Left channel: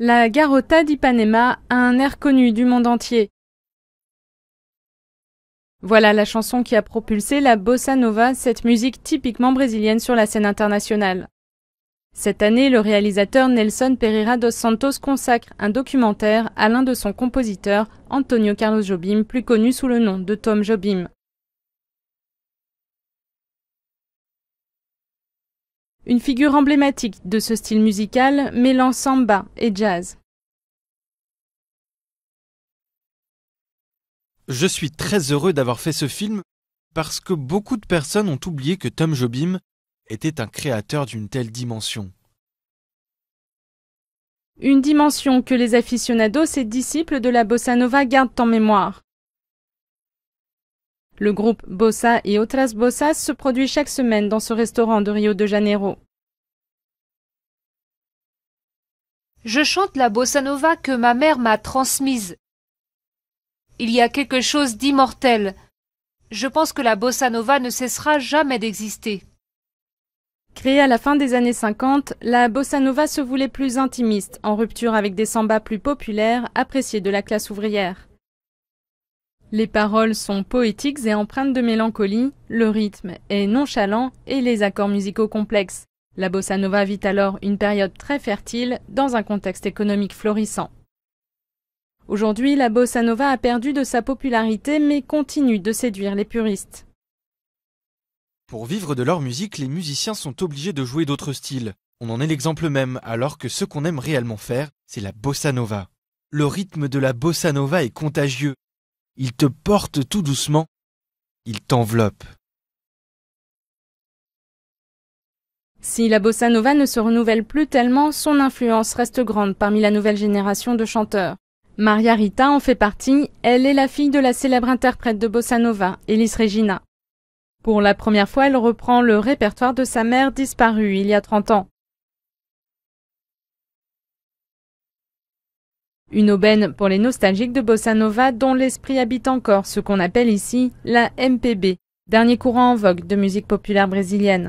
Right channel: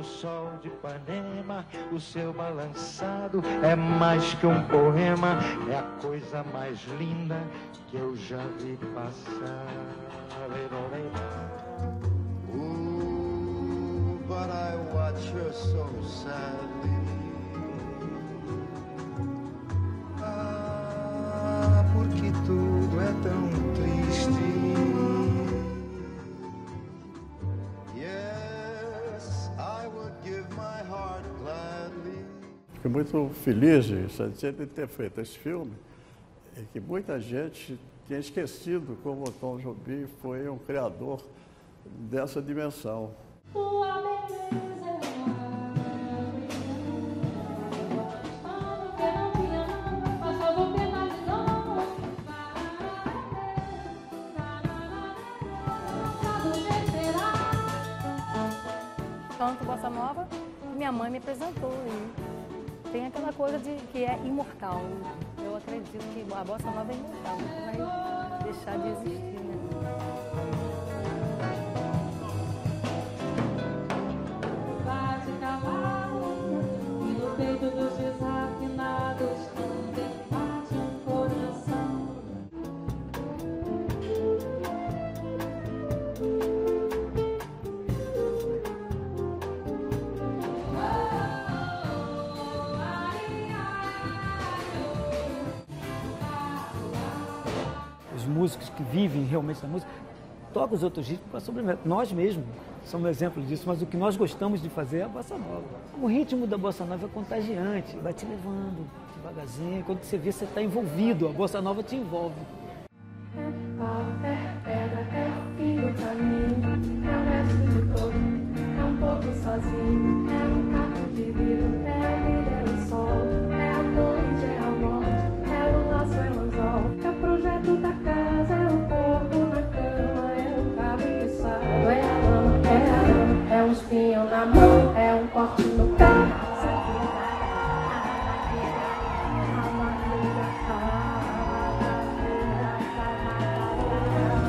La Garota d'Ipanema a un air connu du monde entier. Voilà la chanson qui a propulsé la bossa nova, cette musique typiquement brésilienne sur la scène internationale. Cette année, le réalisateur Nelson Pereira dos Santos consacre un documentaire à l'un de son compositeur, Antônio Carlos Jobim, plus connu sous le nom de Tom Jobim. Une figure emblématique de ce style musical mêlant samba et jazz. Je suis très heureux d'avoir fait ce film parce que beaucoup de personnes ont oublié que Tom Jobim était un créateur d'une telle dimension. Une dimension que les aficionados et disciples de la bossa nova gardent en mémoire. Le groupe Bossa et Outras Bossas se produit chaque semaine dans ce restaurant de Rio de Janeiro. Je chante la bossa nova que ma mère m'a transmise. Il y a quelque chose d'immortel. Je pense que la bossa nova ne cessera jamais d'exister. Créée à la fin des années 50, la bossa nova se voulait plus intimiste, en rupture avec des sambas plus populaires, appréciés de la classe ouvrière. Les paroles sont poétiques et empreintes de mélancolie, le rythme est nonchalant et les accords musicaux complexes. La bossa nova vit alors une période très fertile dans un contexte économique florissant. Aujourd'hui, la bossa nova a perdu de sa popularité mais continue de séduire les puristes. Pour vivre de leur musique, les musiciens sont obligés de jouer d'autres styles. On en est l'exemple même, alors que ce qu'on aime réellement faire, c'est la bossa nova. Le rythme de la bossa nova est contagieux. Il te porte tout doucement, il t'enveloppe. Si la bossa nova ne se renouvelle plus tellement, son influence reste grande parmi la nouvelle génération de chanteurs. Maria Rita en fait partie, elle est la fille de la célèbre interprète de bossa nova, Elis Regina. Pour la première fois, elle reprend le répertoire de sa mère disparue il y a 30 ans. Une aubaine pour les nostalgiques de bossa nova dont l'esprit habite encore ce qu'on appelle ici la MPB, dernier courant en vogue de musique populaire brésilienne.